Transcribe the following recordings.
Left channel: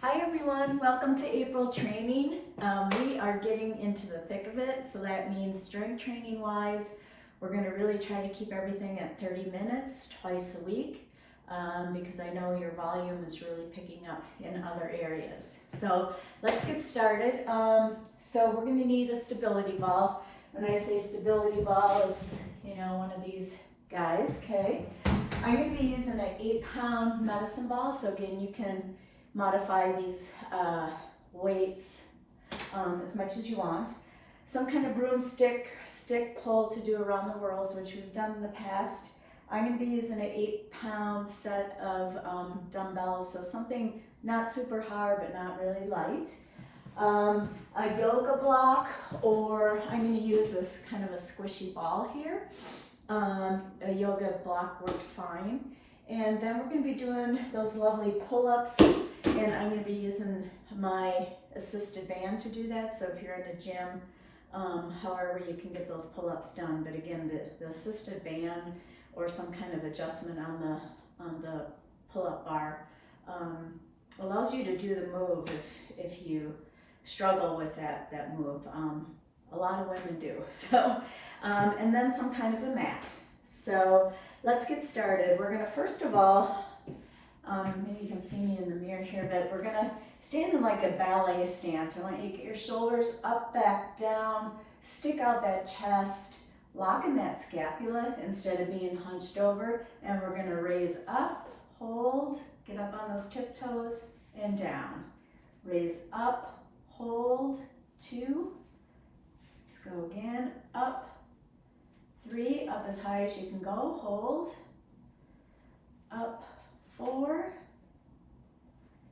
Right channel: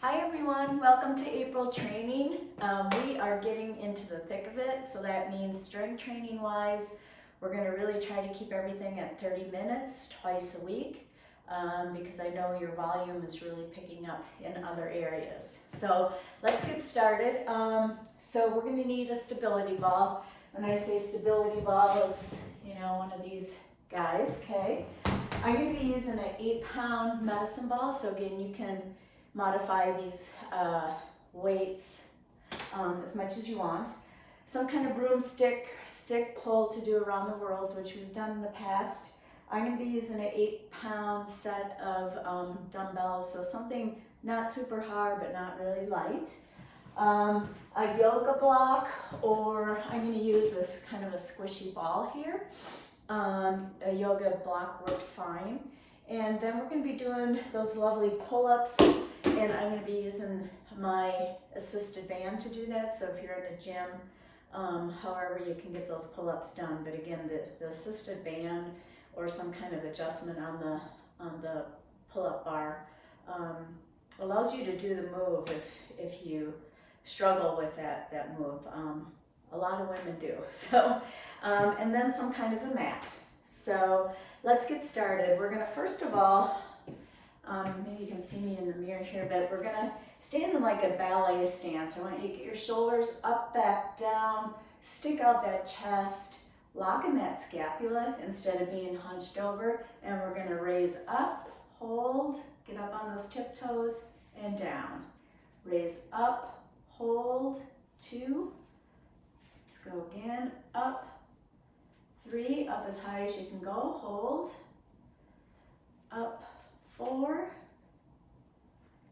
Hi everyone, welcome to April training. We are getting into the thick of it, so that means strength training wise, we're going to really try to keep everything at 30 minutes twice a week because I know your volume is really picking up in other areas. So let's get started. So we're going to need a stability ball. When I say stability ball, it's one of these guys, okay? I'm going to be using an 8-pound medicine ball, so again you can modify these weights as much as you want. Some kind of broomstick, stick pull to do around the whirls, which we've done in the past. I'm going to be using an 8-pound set of dumbbells, so something not super hard but not really light. A yoga block, or I'm going to use this kind of a squishy ball here. A yoga block works fine. And then we're going to be doing those lovely pull-ups, and I'm going to be using my assisted band to do that. So if you're in a gym, however you can get those pull-ups done. But again, the assisted band or some kind of adjustment on the pull-up bar allows you to do the move if you struggle with that move. A lot of women do. So, and then some kind of a mat. So let's get started. We're going to first of all, maybe you can see me in the mirror here, but we're going to stand in like a ballet stance. I want you to get your shoulders up, back, down, stick out that chest, lock in that scapula instead of being hunched over, and we're going to raise up, hold, get up on those tiptoes, and down. Raise up, hold, 2, let's go again, up, 3, up as high as you can go, hold, up, 4,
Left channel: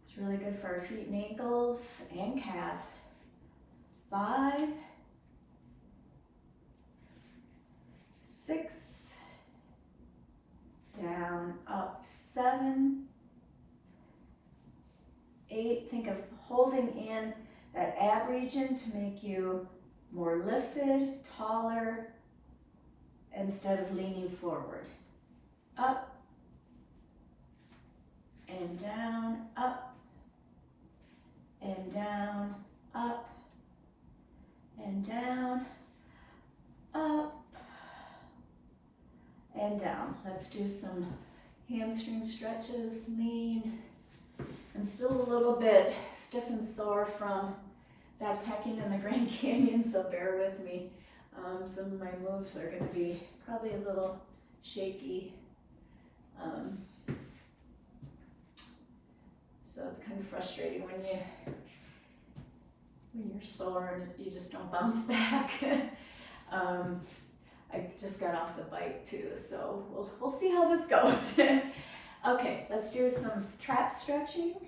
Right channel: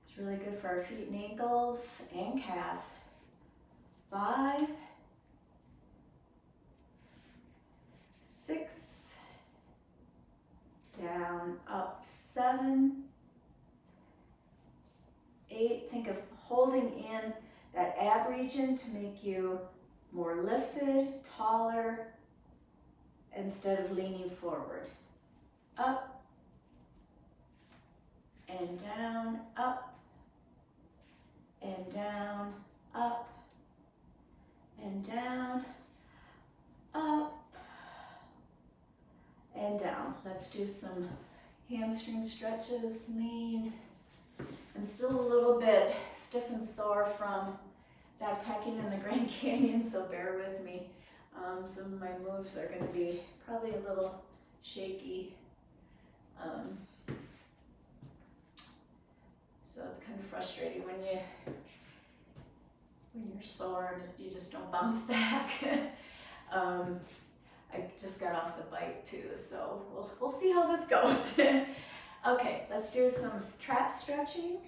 it's really good for our feet and ankles and calves, 5, 6, down, up, 7, 8, think of holding in that ab region to make you more lifted, taller, instead of leaning forward. Up and down, up and down, up and down, up and down. Let's do some hamstring stretches, lean. I'm still a little bit stiff and sore from backpacking in the Grand Canyon, so bear with me. Some of my moves are going to be probably a little shaky. So it's kind of frustrating when you're sore and you just don't bounce back. I just got off the bike too, so we'll see how this goes. Okay, let's do some trap stretching.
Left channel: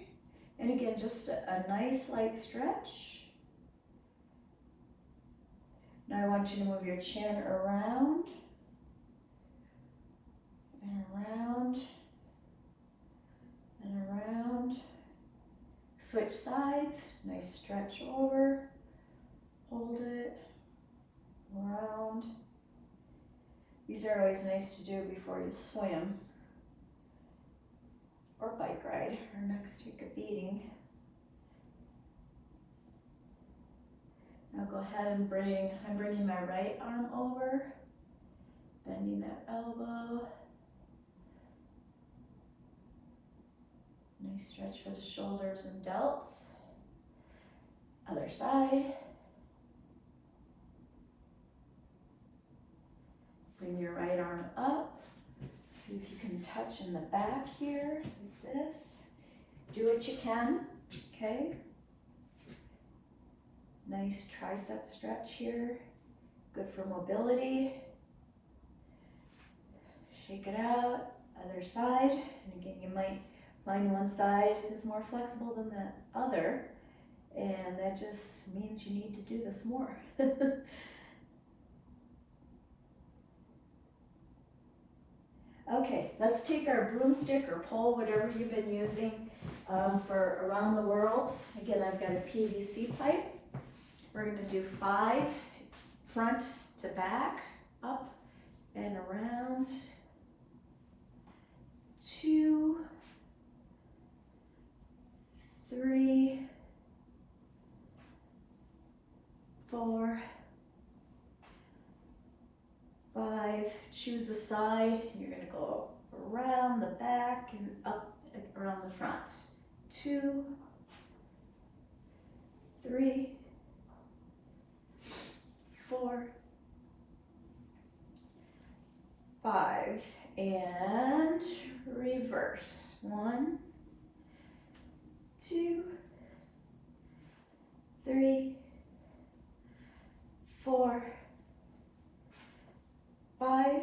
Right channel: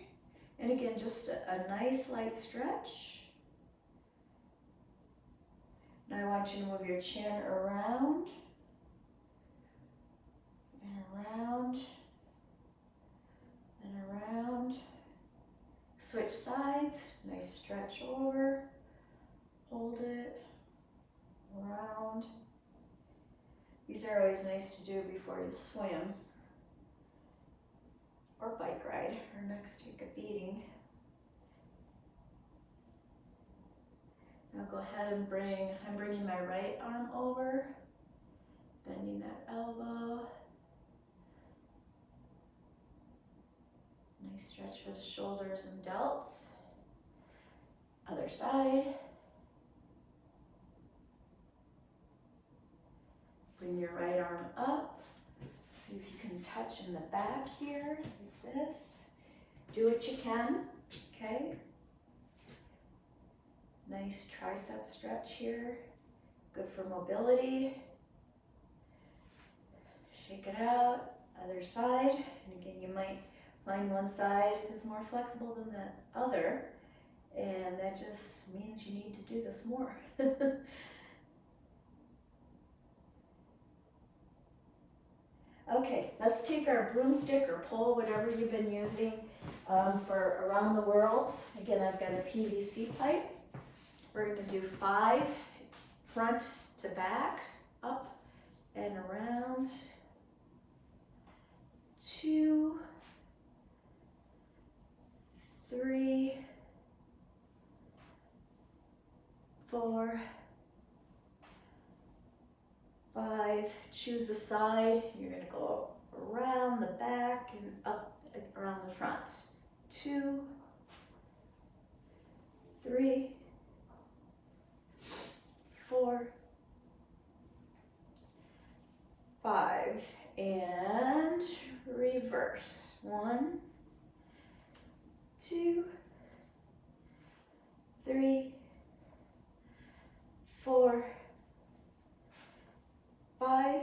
And again, just a nice light stretch. Now I want you to move your chin around and around and around. Switch sides, nice stretch over, hold it, around. These are always nice to do before you swim or bike ride. Our next take a beating. Now go ahead and I'm bringing my right arm over, bending that elbow. Nice stretch for the shoulders and delts. Other side. Bring your right arm up. See if you can touch in the back here, like this. Do what you can, okay? Nice tricep stretch here. Good for mobility. Shake it out. Other side. And again, you might find one side is more flexible than the other, and that just means you need to do this more. Okay, let's take our broomstick or pole, whatever you've been using for around the world. Again, I've got a PVC pipe. We're going to do 5 front to back, up and around, 2, 3, choose a side. You're gonna go around the back and up around the front. 2, 3, 4, 5, and reverse. 1, 2, 3, 4, 5.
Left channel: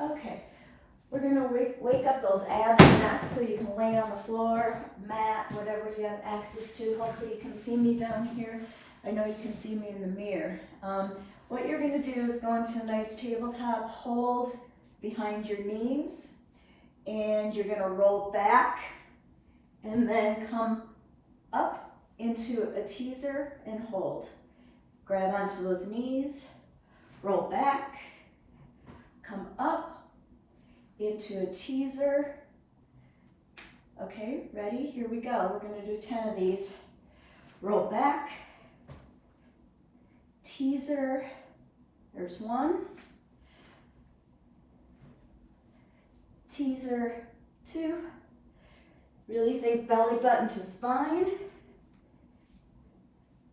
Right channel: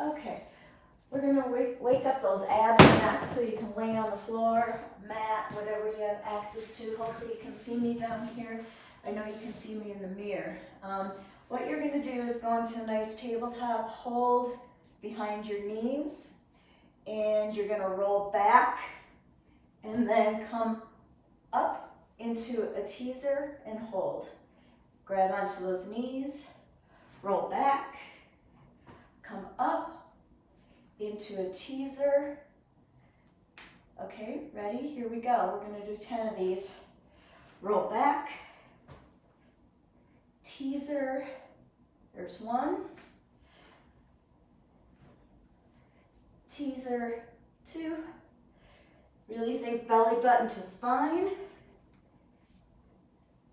Okay, we're gonna wake up those abs and necks so you can lay on the floor, mat, whatever you have access to. Hopefully you can see me down here. I know you can see me in the mirror. What you're gonna do is go into a nice tabletop, hold behind your knees, and you're gonna roll back and then come up into a teaser and hold. Grab onto those knees, roll back, come up into a teaser. Okay, ready? Here we go. We're gonna do 10 of these. Roll back, teaser, there's 1, teaser, 2, really think belly button to spine,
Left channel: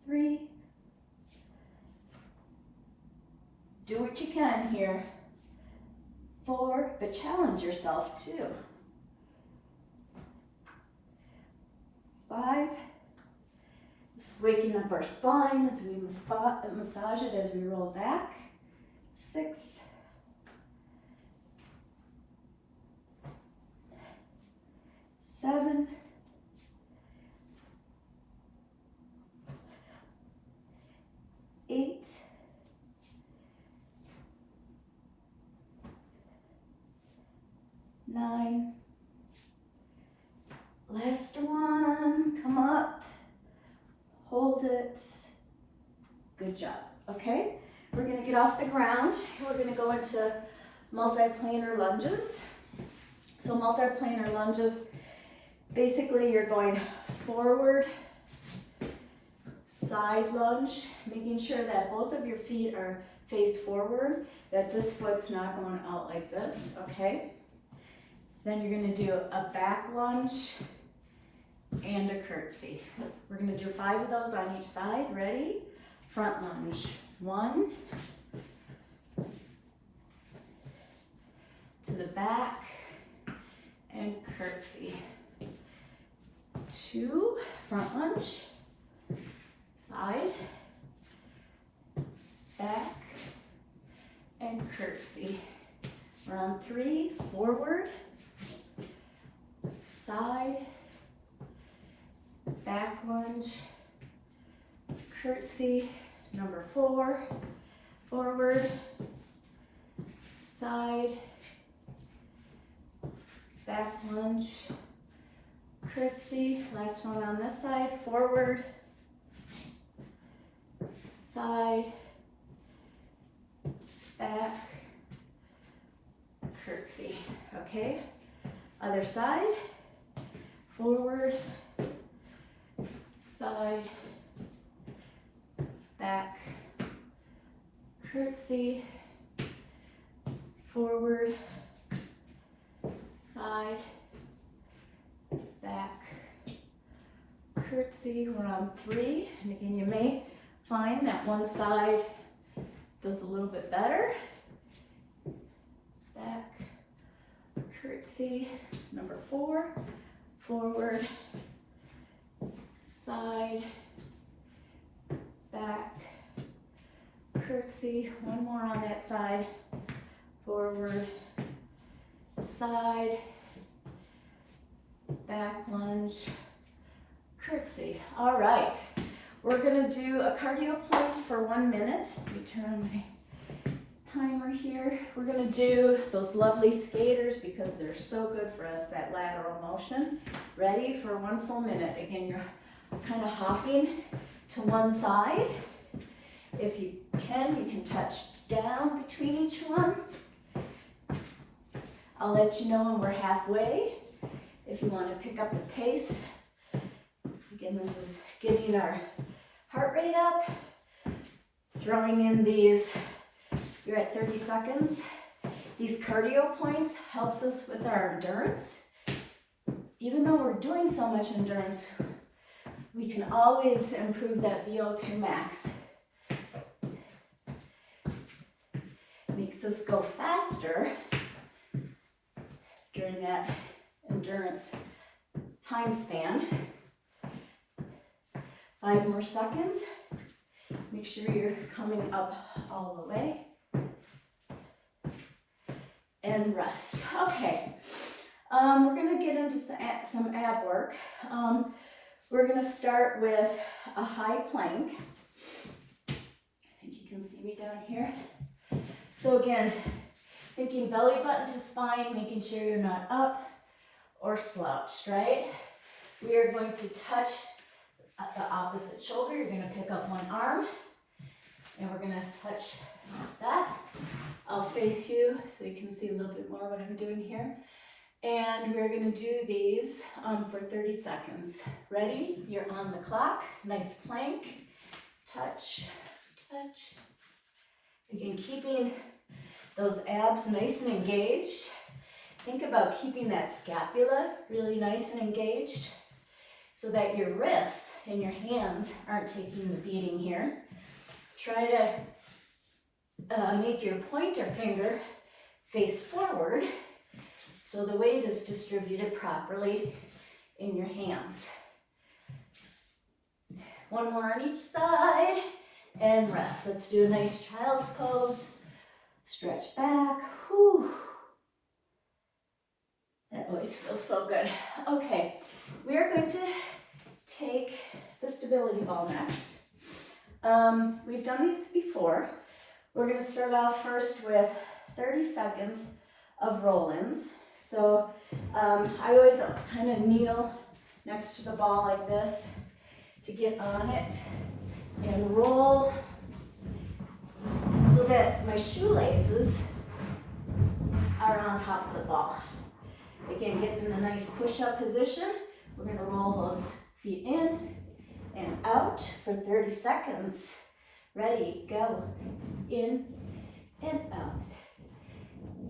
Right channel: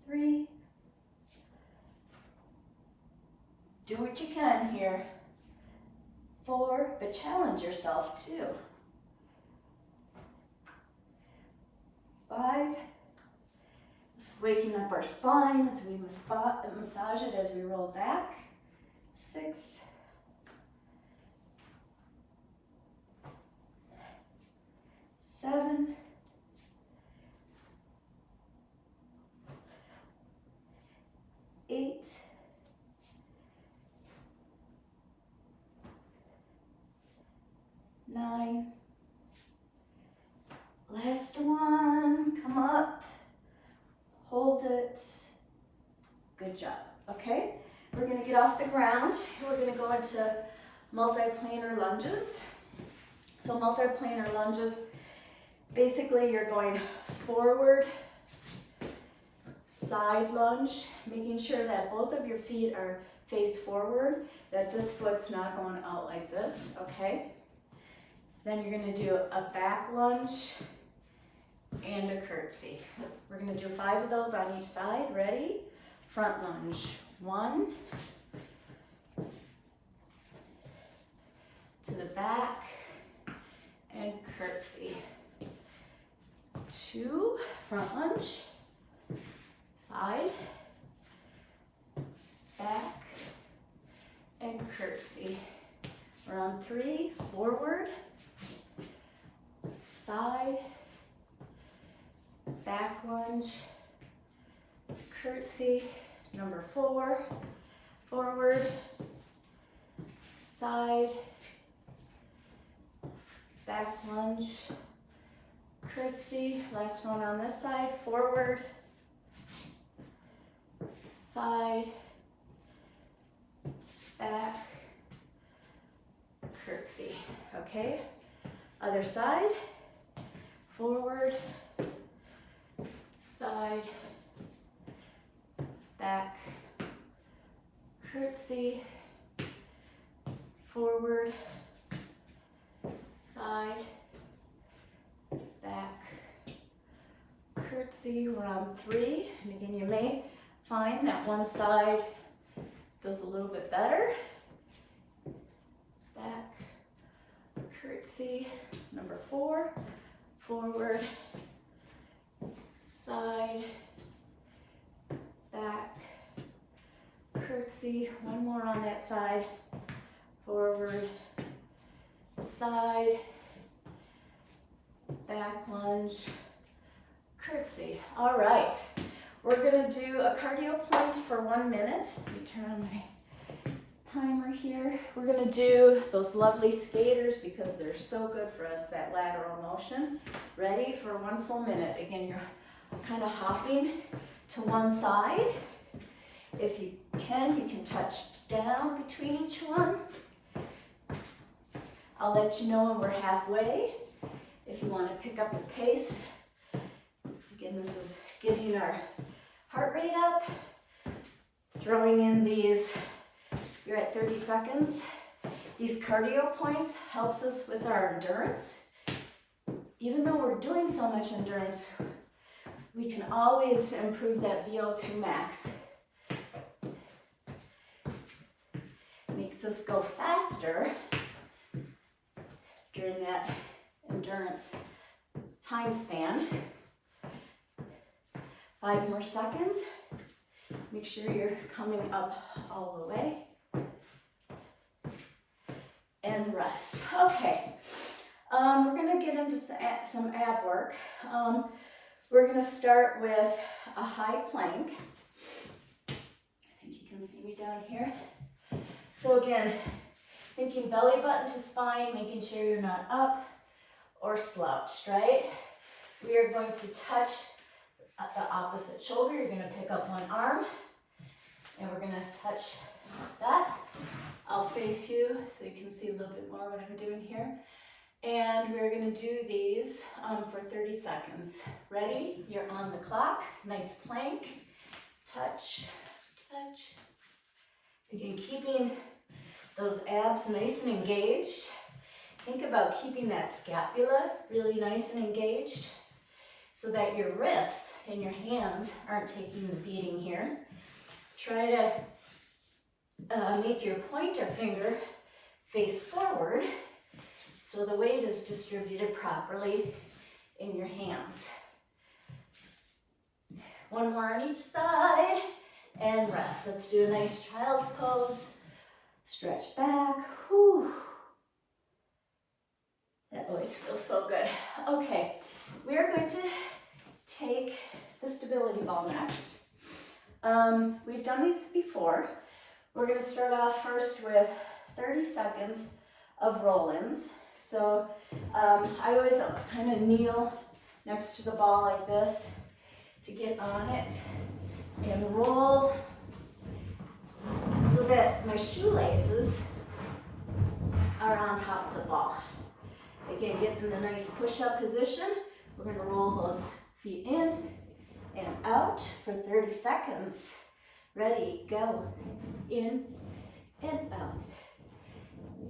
3, do what you can here, 4, but challenge yourself too, 5, this is waking up our spine as we massage it as we roll back, 6, 7, 8, 9, last one, come up, hold it, good job, okay? We're gonna get off the ground, we're gonna go into multiplanar lunges. So multiplanar lunges, basically you're going forward, side lunge, making sure that both of your feet are face forward, that this foot's not going out like this, okay? Then you're gonna do a back lunge and a curtsy. We're gonna do 5 of those on each side, ready? Front lunge, 1, to the back, and curtsy. 2, front lunge, side, back, and curtsy. Round 3, forward, side, back lunge, curtsy. Number 4, forward, side, back lunge, curtsy. Last one on this side, forward, side, back, curtsy. Okay, other side, forward, side, back, curtsy, forward, side, back, curtsy. We're on 3, and again, you may find that one side does a little bit better. Back, curtsy. Number 4, forward, side, back, curtsy. One more on that side, forward, side, back lunge, curtsy. All right, we're gonna do a cardio point for 1 minute. Let me turn on my timer here. We're gonna do those lovely skaters because they're so good for us, that lateral motion. Ready for 1 full minute. Again, you're kind of hopping to one side. If you can touch down between each one. I'll let you know when we're halfway. If you want to pick up the pace. Again, this is getting our heart rate up. Throwing in these, you're at 30 seconds. These cardio points helps us with our endurance. Even though we're doing so much endurance, we can always improve that VO2 max. Makes us go faster during that endurance time span. 5 more seconds. Make sure you're coming up all the way. And rest. Okay, we're gonna get into some ab work. We're gonna start with a high plank. I think you can see me down here. So again, thinking belly button to spine, making sure you're not up or slouched, right? We are going to touch the opposite shoulder. You're gonna pick up one arm and we're gonna touch that. I'll face you so you can see a little bit more what I'm doing here. And we're gonna do these for 30 seconds. Ready? You're on the clock. Nice plank. Touch, touch. Again, keeping those abs nice and engaged. Think about keeping that scapula really nice and engaged so that your wrists and your hands aren't taking the beating here. Try to make your pointer finger face forward so the weight is distributed properly in your hands. One more on each side and rest. Let's do a nice child's pose. Stretch back. Whew. That always feels so good. Okay, we are going to take the stability ball next. We've done these before. We're going to start off first with 30 seconds of roll-ins. So I always kind of kneel next to the ball like this to get on it and roll so that my shoelaces are on top of the ball. Again, get in a nice push-up position. We're going to roll those feet in and out for 30 seconds. Ready, go. In and out.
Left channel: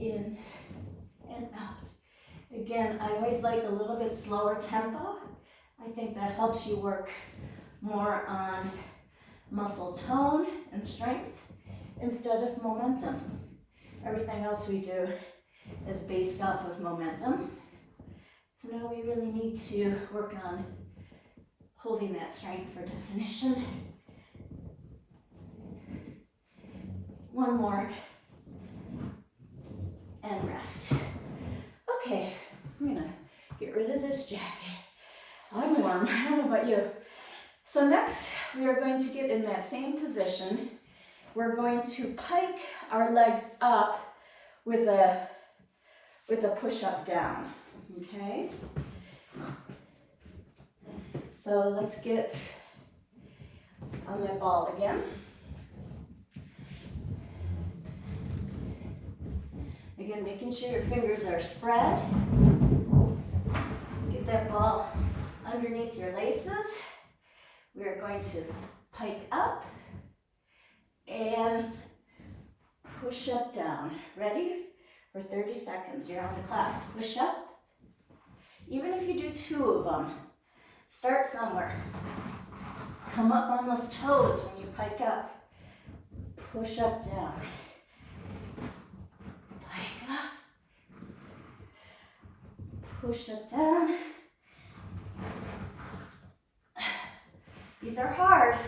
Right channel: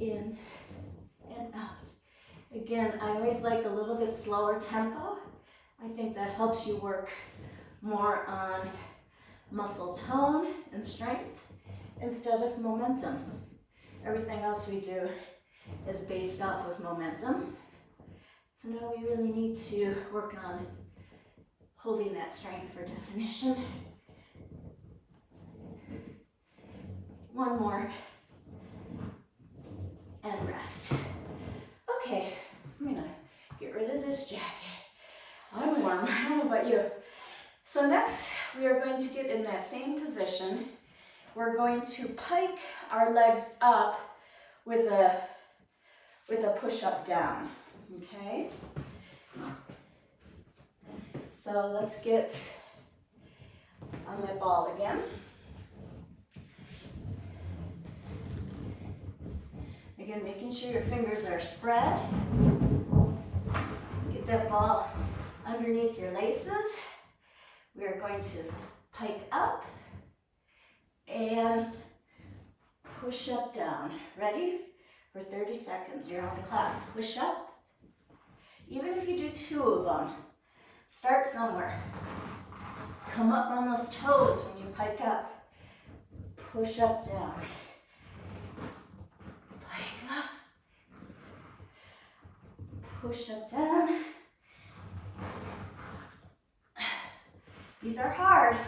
In and out. Again, I always like a little bit slower tempo. I think that helps you work more on muscle tone and strength instead of momentum. Everything else we do is based off of momentum. So now we really need to work on holding that strength for definition. One more and rest. Okay, I'm gonna get rid of this jacket. I'm warm, I don't know about you. So next, we are going to get in that same position. We're going to pike our legs up with a push-up down, okay? So let's get on that ball again. Again, making sure your fingers are spread. Get that ball underneath your laces. We are going to pike up and push up down. Ready? For 30 seconds. You're on the clock. Push up. Even if you do 2 of them, start somewhere. Come up on those toes when you pike up. Push up, down. Pike up. Push up, down. These are hard.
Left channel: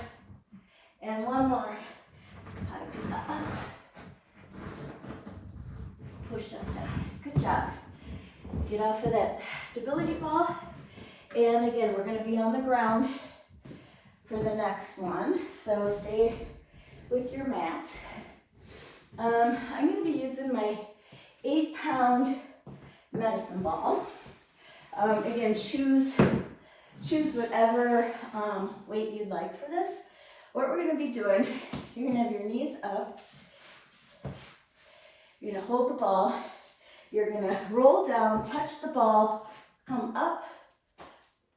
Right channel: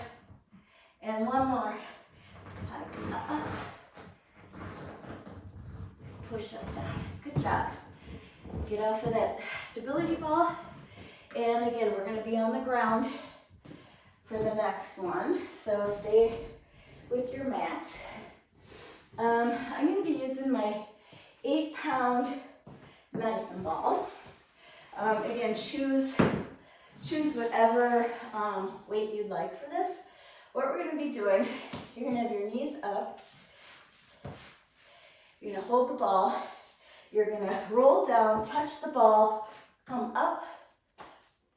And one more. Pike up. Push up, down. Good job. Get off of that stability ball. And again, we're going to be on the ground for the next one. So stay with your mat. I'm going to be using my 8-pound medicine ball. Again, choose whatever weight you'd like for this. What we're going to be doing, you're going to have your knees up. You're going to hold the ball. You're going to roll down, touch the ball, come up,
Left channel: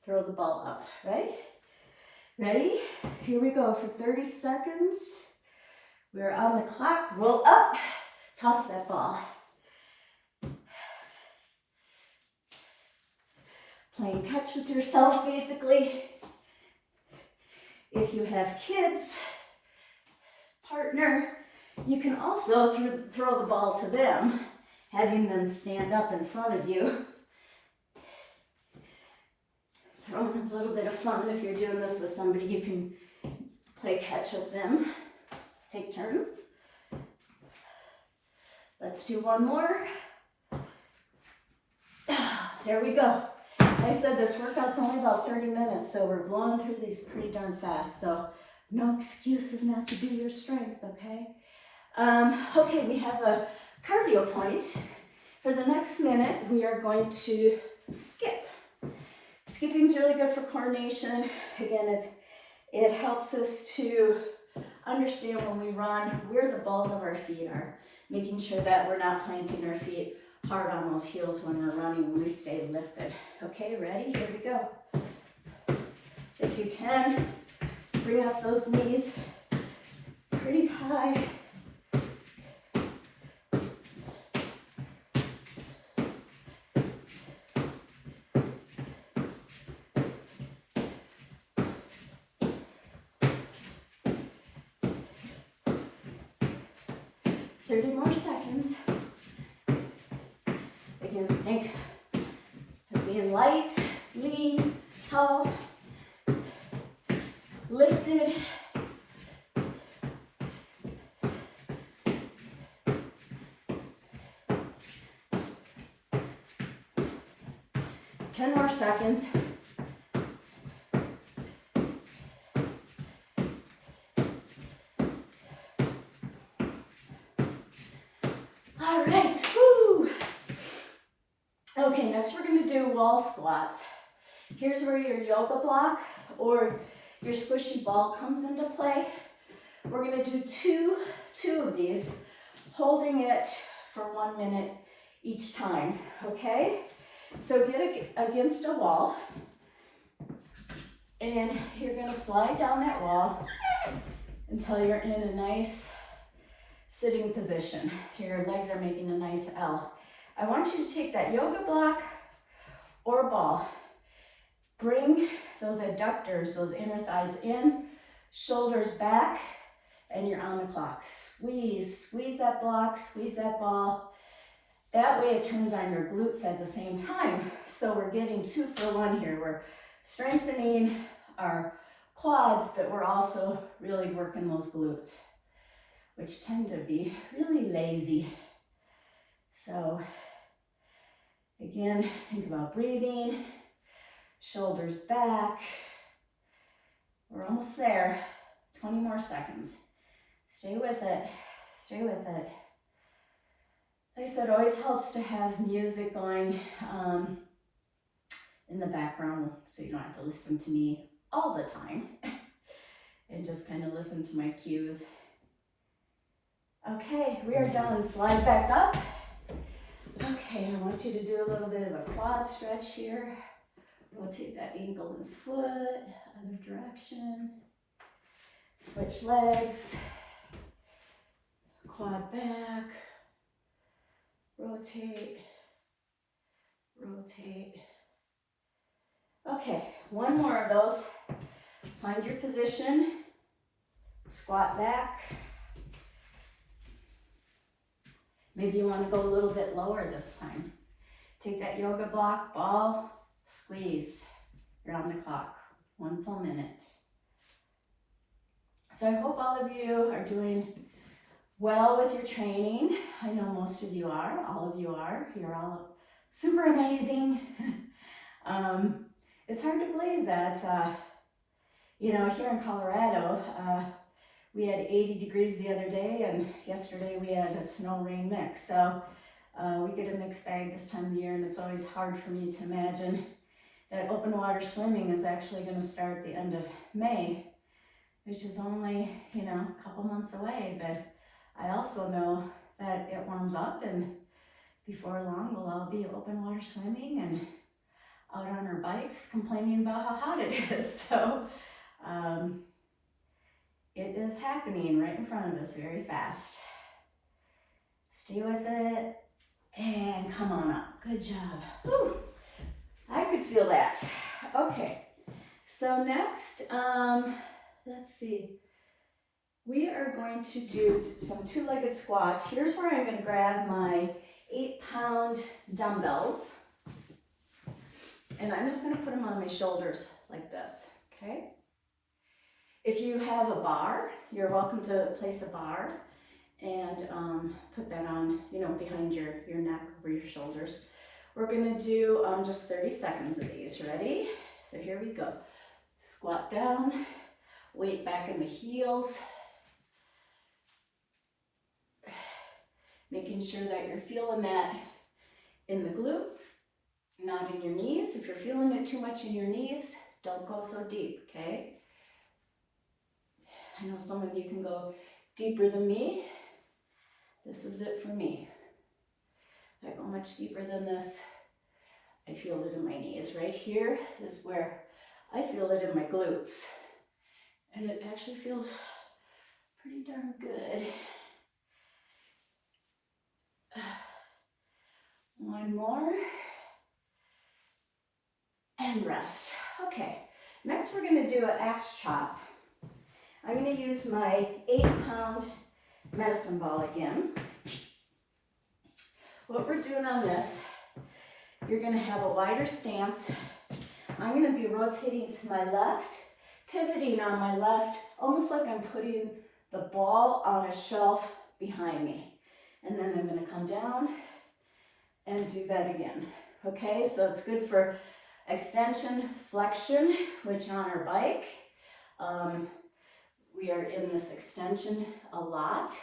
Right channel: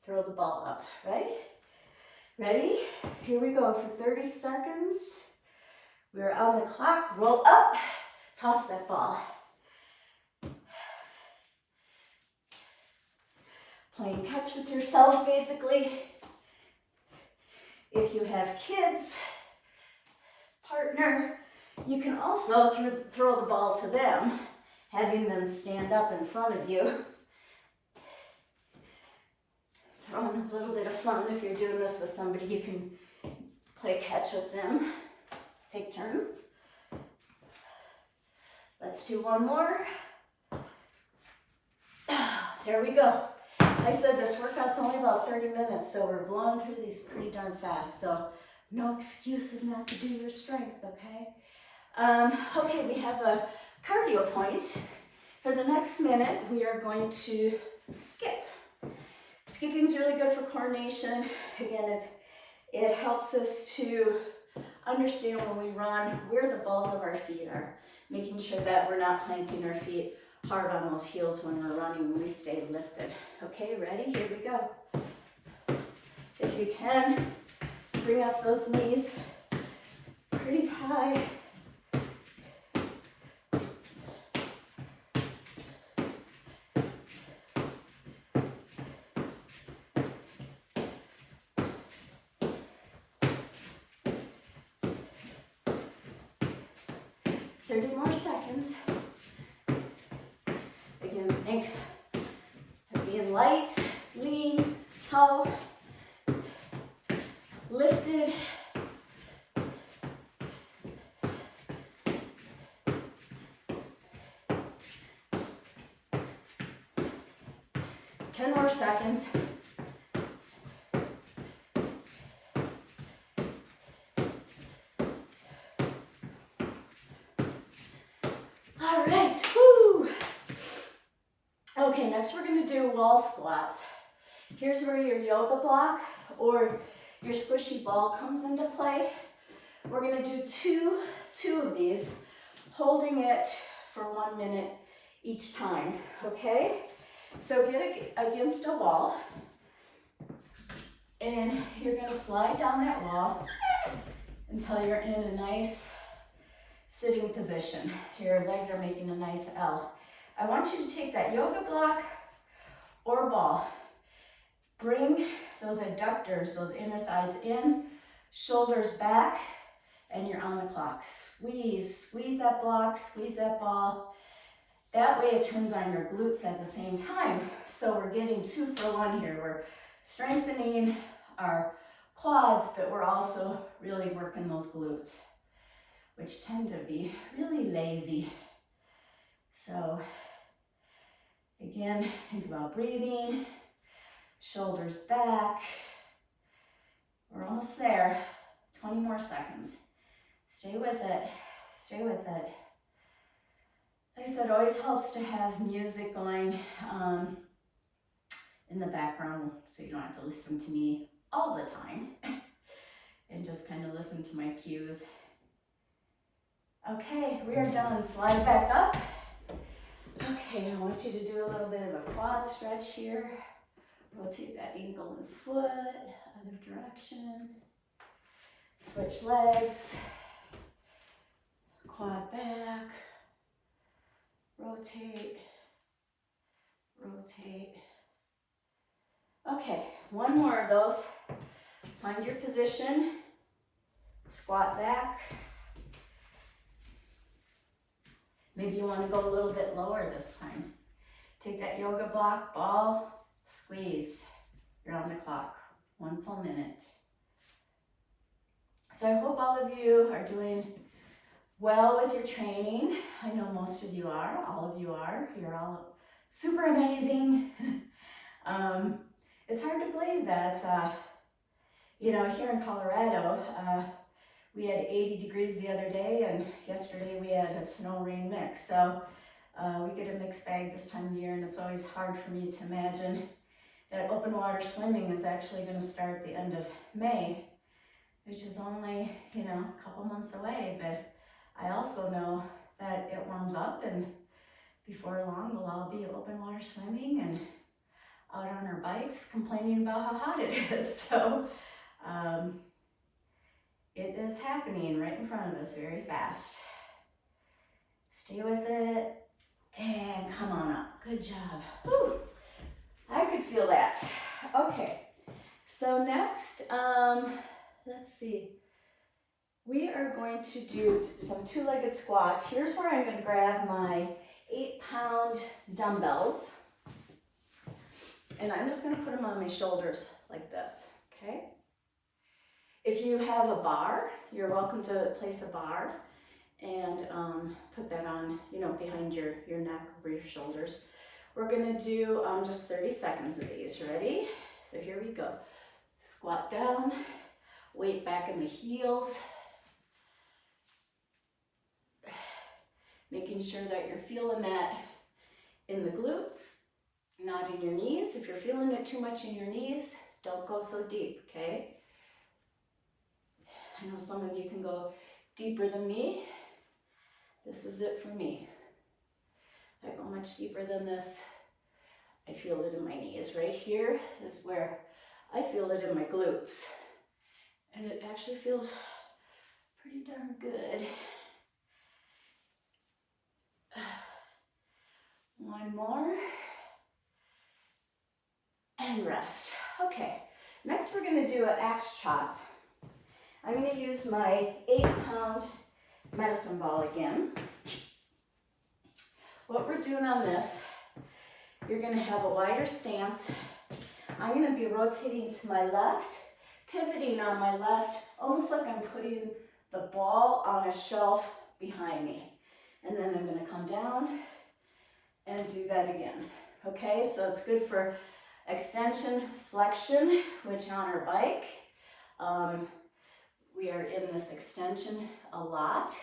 throw the ball up, right? Ready? Here we go for 30 seconds. We're on the clock. Roll up, toss that ball. playing catch with yourself, basically. If you have kids, partner, you can also throw the ball to them, having them stand up in front of you. Throwing a little bit of fun. If you're doing this with somebody, you can play catch with them. Take turns. Let's do one more. There we go. I said this workout's only about 30 minutes, so we're blowing through these pretty darn fast. So no excuses not to do your strength, okay? Okay, we have a cardio point. For the next minute, we are going to skip. Skipping's really good for coordination. Again, it helps us to understand when we run where the balls of our feet are, making sure that we're not planting our feet hard on those heels when we're running, when we stay lifted. Okay, ready? Here we go. If you can, bring up those knees pretty high. 30 more seconds. Again, think of being light, lean, tall, lifted. Ten more seconds. All right, woo. Okay, next we're gonna do wall squats. Here's where your yoga block or your squishy ball comes into play. We're gonna do two of these, holding it for 1 minute each time, okay? So get against a wall, and you're gonna slide down that wall until you're in a nice sitting position. So your legs are making a nice L. I want you to take that yoga block or ball, bring those adductors, those inner thighs in, shoulders back, and you're on the clock. Squeeze, squeeze that block, squeeze that ball. That way it turns on your glutes at the same time. So we're getting 2 for 1 here. We're strengthening our quads, but we're also really working those glutes, which tend to be really lazy. So again, think about breathing, shoulders back. We're almost there. 20 more seconds. Stay with it, stay with it. Like I said, it always helps to have music going in the background so you don't have to listen to me all the time and just kind of listen to my cues. Okay, we are done. Slide back up. Okay, I want you to do a little bit of a quad stretch here. Rotate that ankle and foot, other direction. Switch legs. Quad back. Rotate. Rotate. Okay, one more of those. Find your position. Squat back. Maybe you want to go a little bit lower this time. Take that yoga block, ball, squeeze. You're on the clock. 1 full minute. So I hope all of you are doing well with your training. I know most of you are. All of you are. You're all super amazing. It's hard to believe that, here in Colorado, we had 80 degrees the other day, and yesterday we had a snow-rain mix. So we get a mixed bag this time of year, and it's always hard for me to imagine that open water swimming is actually going to start at the end of May, which is only, a couple months away. But I also know that it warms up, and before long we'll all be open water swimming and out on our bikes complaining about how hot it is. So it is happening right in front of us very fast. Stay with it and come on up. Good job. Whew. I could feel that. Okay, so next, let's see. We are going to do some two-legged squats. Here's where I'm going to grab my 8-pound dumbbells. And I'm just going to put them on my shoulders like this, okay? If you have a bar, you're welcome to place a bar and put that on, you know, behind your neck, over your shoulders. We're going to do just 30 seconds of these. Ready? So here we go. Squat down, weight back in the heels. Making sure that you're feeling that in the glutes, not in your knees. If you're feeling it too much in your knees, don't go so deep, okay? I know some of you can go deeper than me. This is it for me. If I go much deeper than this, I feel it in my knees. Right here is where I feel it in my glutes. And it actually feels pretty darn good. One more. And rest. Okay, next we're going to do an axe chop. I'm going to use my 8-pound medicine ball again. What we're doing on this, you're going to have a wider stance. I'm going to be rotating to my left, pivoting on my left, almost like I'm putting the ball on a shelf behind me. And then I'm going to come down and do that again. Okay, so it's good for extension, flexion, which on our bike, we are in this extension a lot,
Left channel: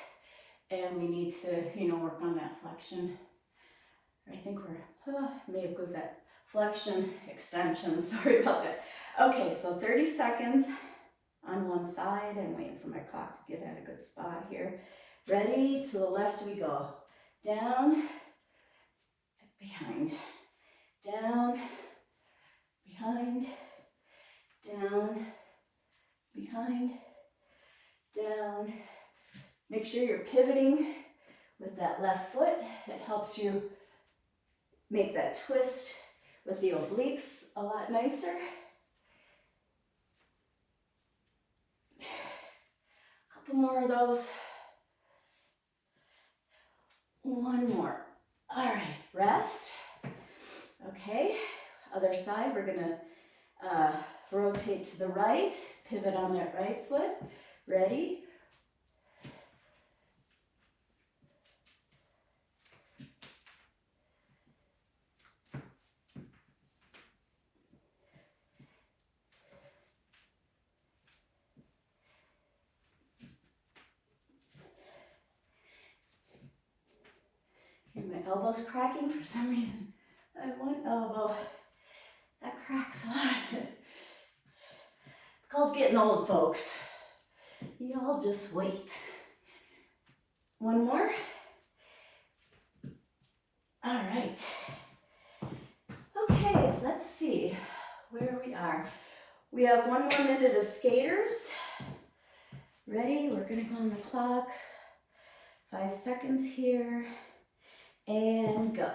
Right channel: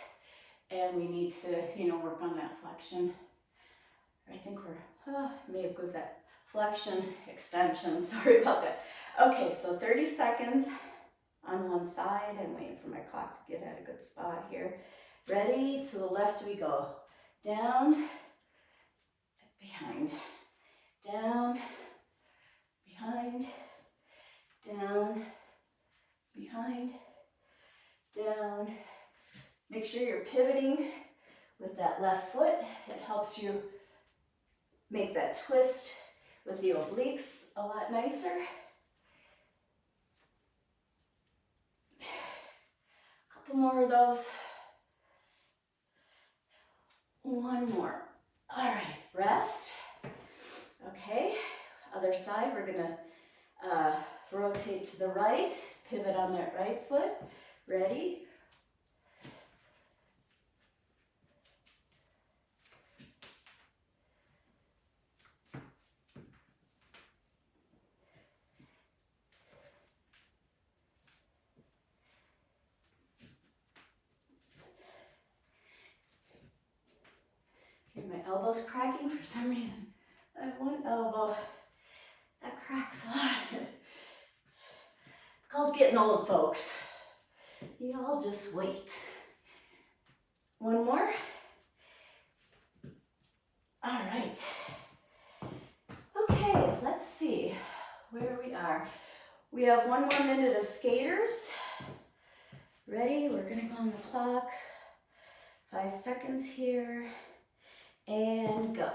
and we need to, you know, work on that flexion. I think we're, may have goes that flexion, extension, sorry about that. Okay, so 30 seconds on one side. I'm waiting for my clock to get at a good spot here. Ready? To the left we go. Down, behind, down, behind, down, behind, down. Make sure you're pivoting with that left foot. It helps you make that twist with the obliques a lot nicer. A couple more of those. One more. All right, rest. Okay, other side, we're gonna rotate to the right, pivot on that right foot. Ready? Okay, my elbow's cracking for some reason. I have one elbow that cracks a lot. It's called getting old, folks. Y'all just wait. One more. All right. Okay, let's see where we are. We have 1 more minute of skaters. Ready? We're gonna go on the clock. 5 seconds here. And go.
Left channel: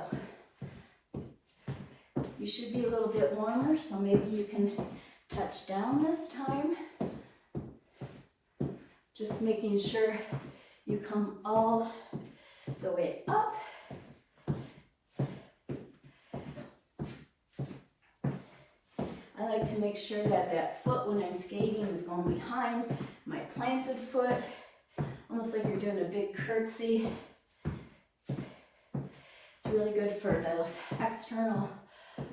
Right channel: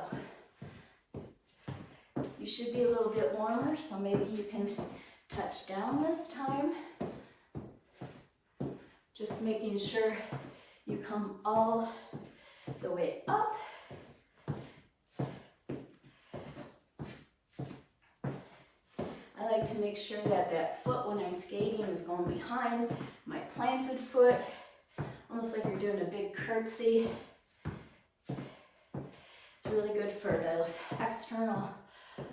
You should be a little bit warmer, so maybe you can touch down this time. Just making sure you come all the way up. I like to make sure that that foot when I'm skating is going behind my planted foot, almost like you're doing a big curtsy. It's really good for those external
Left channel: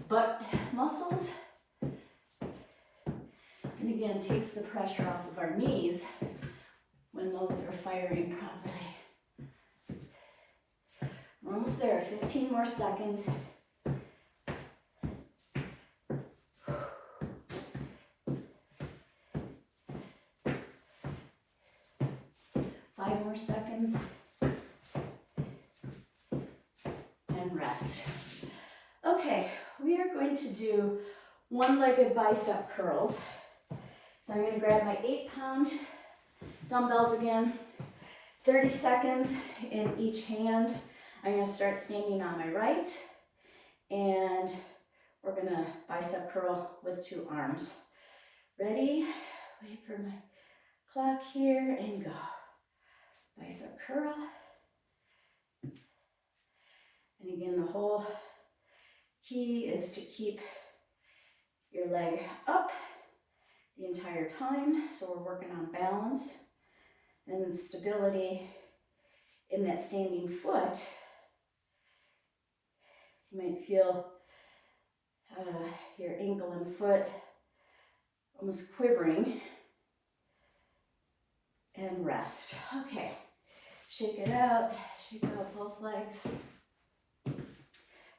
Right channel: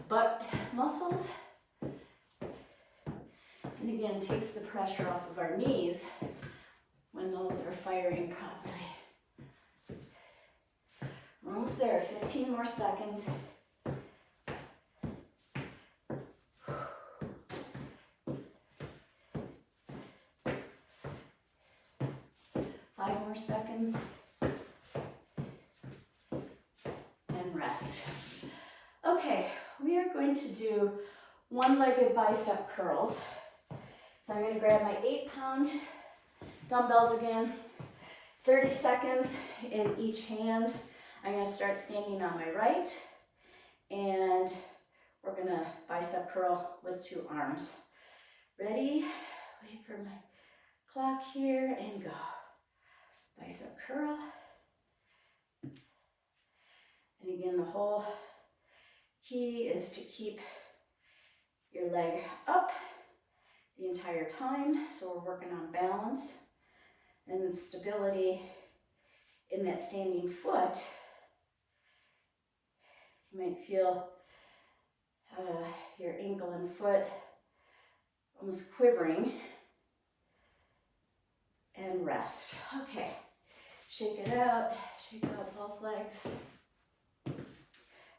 butt muscles. And again, takes the pressure off of our knees when those are firing properly. We're almost there, 15 more seconds. 5 more seconds. And rest. Okay, we are going to do one-legged bicep curls. So I'm going to grab my 8-pound dumbbells again, 30 seconds in each hand. I'm going to start standing on my right, and we're gonna bicep curl with 2 arms. Ready? Wait for my clock here and go. Bicep curl. And again, the whole key is to keep your leg up the entire time. So we're working on balance and stability in that standing foot. You might feel your ankle and foot almost quivering. And rest. Okay, shake it out both legs.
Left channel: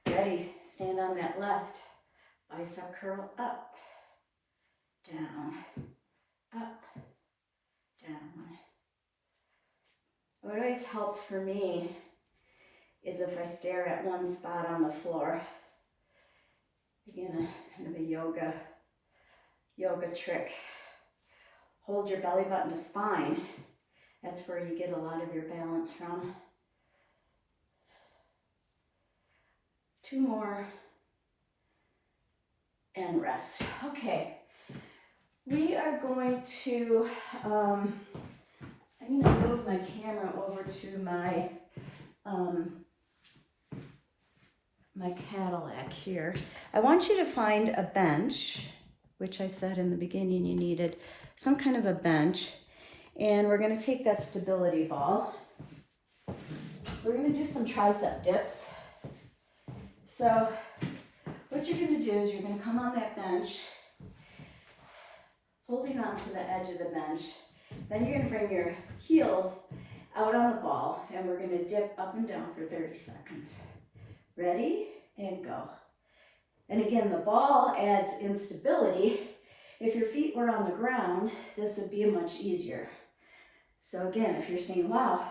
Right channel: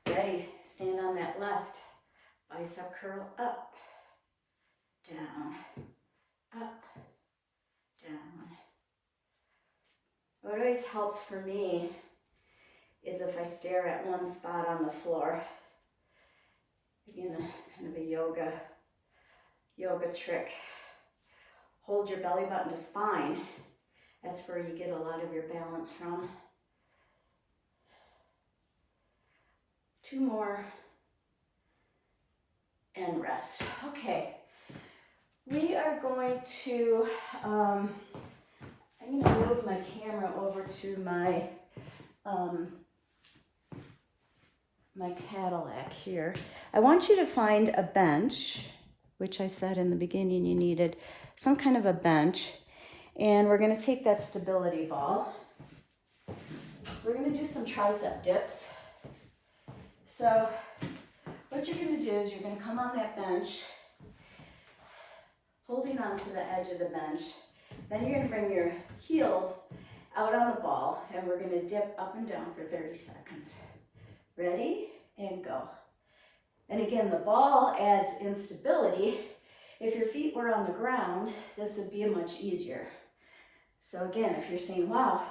Ready, stand on that left. Bicep curl up, down, up, down. What always helps for me is if I stare at one spot on the floor. Again, kind of a yoga trick. Hold your belly button to spine. That's where you get a lot of your balance from. 2 more. And rest. Okay. We are going to, I'm going to move my camera over to my, my Cadillac here. I want you to find a bench, which I said in the beginning you needed some kind of a bench, and we're going to take that stability ball. We're going to do some tricep dips. So what you're going to do is you're going to come on that bench, holding onto the edge of the bench. Then you're going to bring your heels out on the ball, and we're going to dip up and down for 30 seconds. Ready? And go. And again, the ball adds instability. If your feet were on the ground, this would be much easier. So again, if you're saying, wow,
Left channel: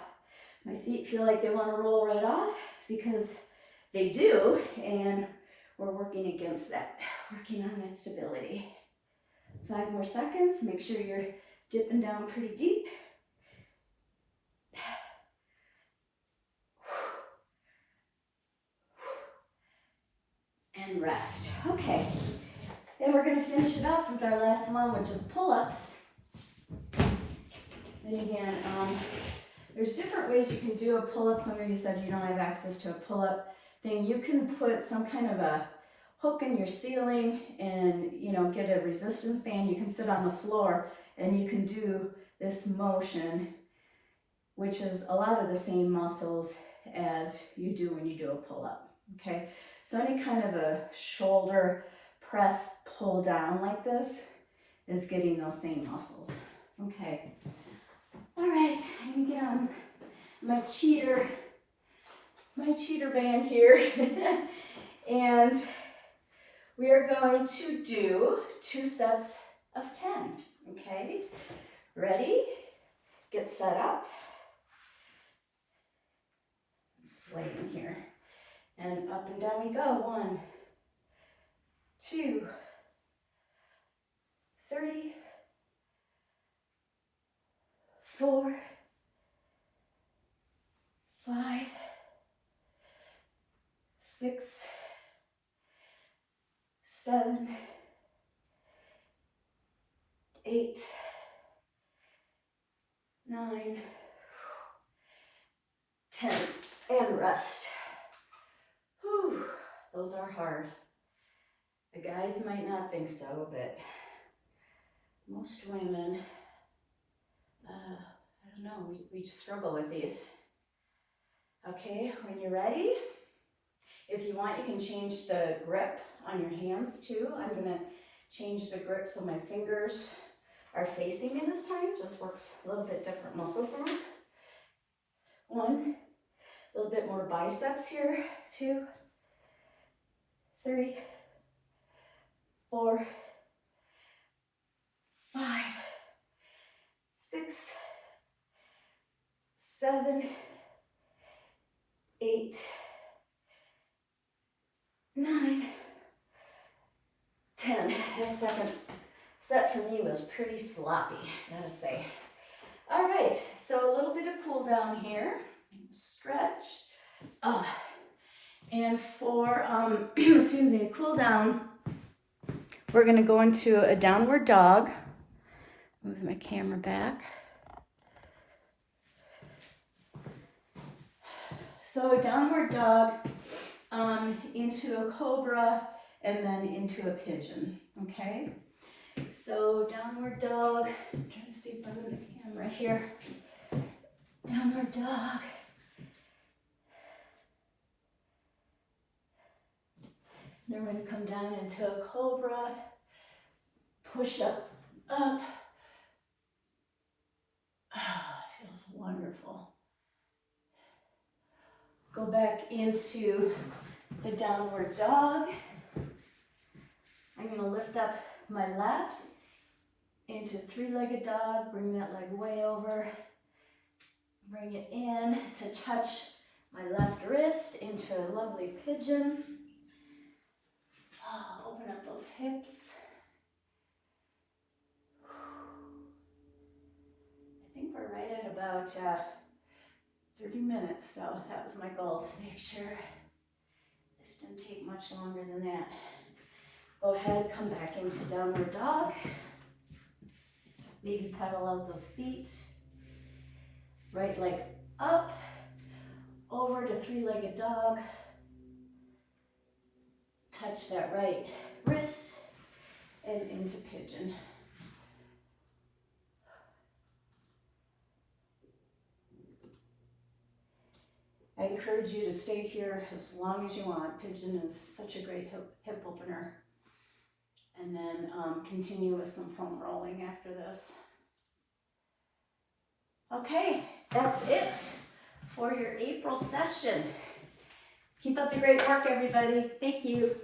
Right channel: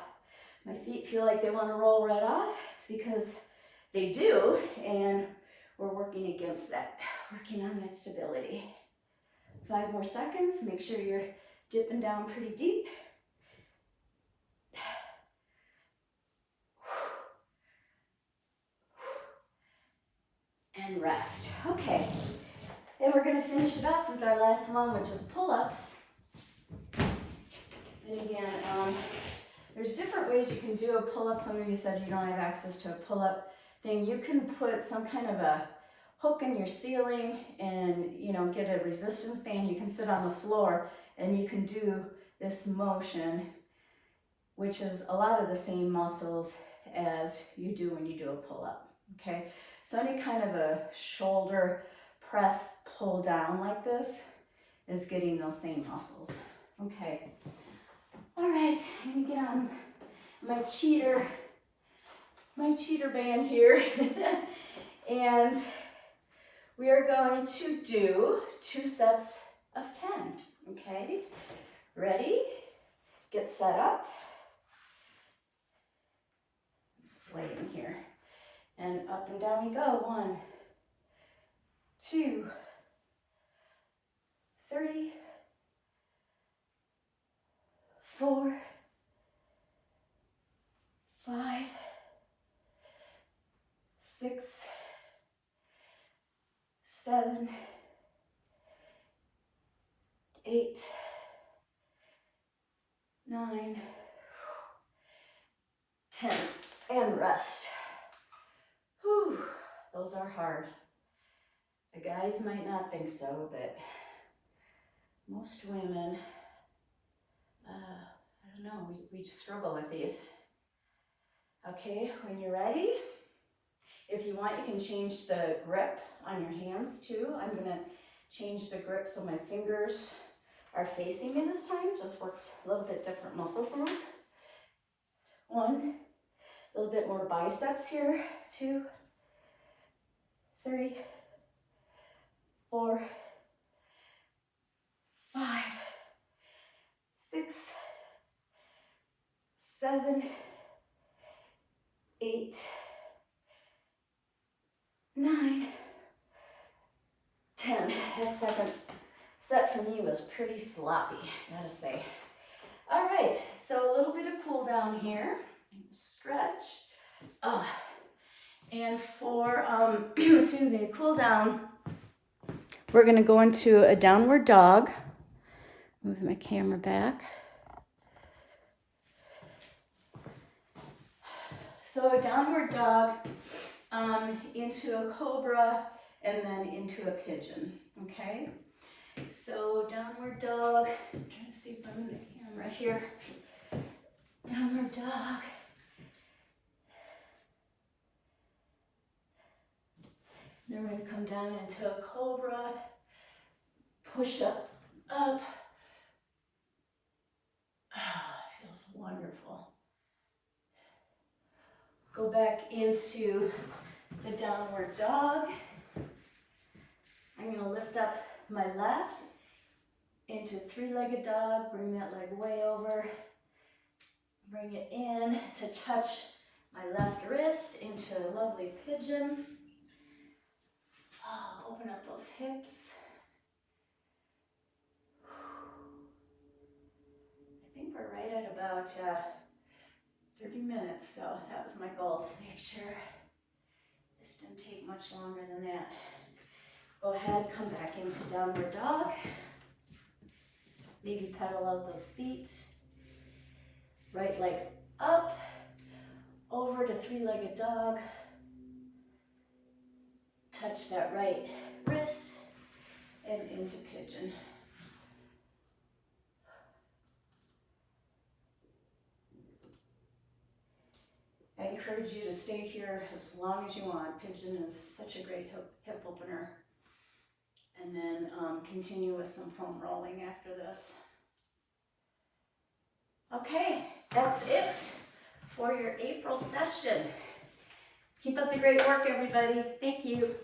my feet feel like they want to roll right off, it's because they do, and we're working against that, working on that stability. 5 more seconds, make sure you're dipping down pretty deep. And rest. Okay. And we're going to finish it off with our last one, which is pull-ups. And again, there's different ways you can do a pull-up. Some of you said you don't have access to a pull-up thing. You can put some kind of a hook in your ceiling and, you know, get a resistance band. You can sit on the floor and you can do this motion, which is a lot of the same muscles as you do when you do a pull-up, okay? So any kind of a shoulder press, pull down like this is getting those same muscles. Okay. All right, I'm gonna get on my cheater band here. And we are going to do 2 sets of 10, okay? Ready? Get set up. Swaying here. And up and down we go. 1, 2, 3, 4, 5, 6, 7, 8, 9, 10, and rest. Whew, those are hard. The guys might not think so, but most women, I don't know, we just struggle with these. Okay, when you're ready, if you want, you can change the grip on your hands too. I'm gonna change the grip so my fingers are facing me this time. Just works a little bit different muscle group. 1, a little bit more biceps here. 2, 3, 4, 5, 6, 7, 8, 9, 10. That second set for me was pretty sloppy, gotta say. All right, so a little bit of cool down here. Stretch. And for, excuse me, cool down, we're gonna go into a downward dog. Move my camera back. So a downward dog, into a cobra, and then into a pigeon, okay? So downward dog, I'm trying to see if I'm in the camera here. Downward dog. Then we're going to come down into a cobra, push up. Feels wonderful. Go back into the downward dog. I'm going to lift up my left into three-legged dog, bring that leg way over, bring it in to touch my left wrist into a lovely pigeon. Open up those hips. I think we're right at about 30 minutes, so that was my goal, to make sure this didn't take much longer than that. Go ahead, come back into downward dog. Maybe pedal out those feet. Right leg up, over to three-legged dog. Touch that right wrist and into pigeon. I encourage you to stay here as long as you want. Pigeon is such a great hip opener. And then continue with some foam rolling after this. Okay, that's it for your April session. Keep up the great work, everybody. Thank you.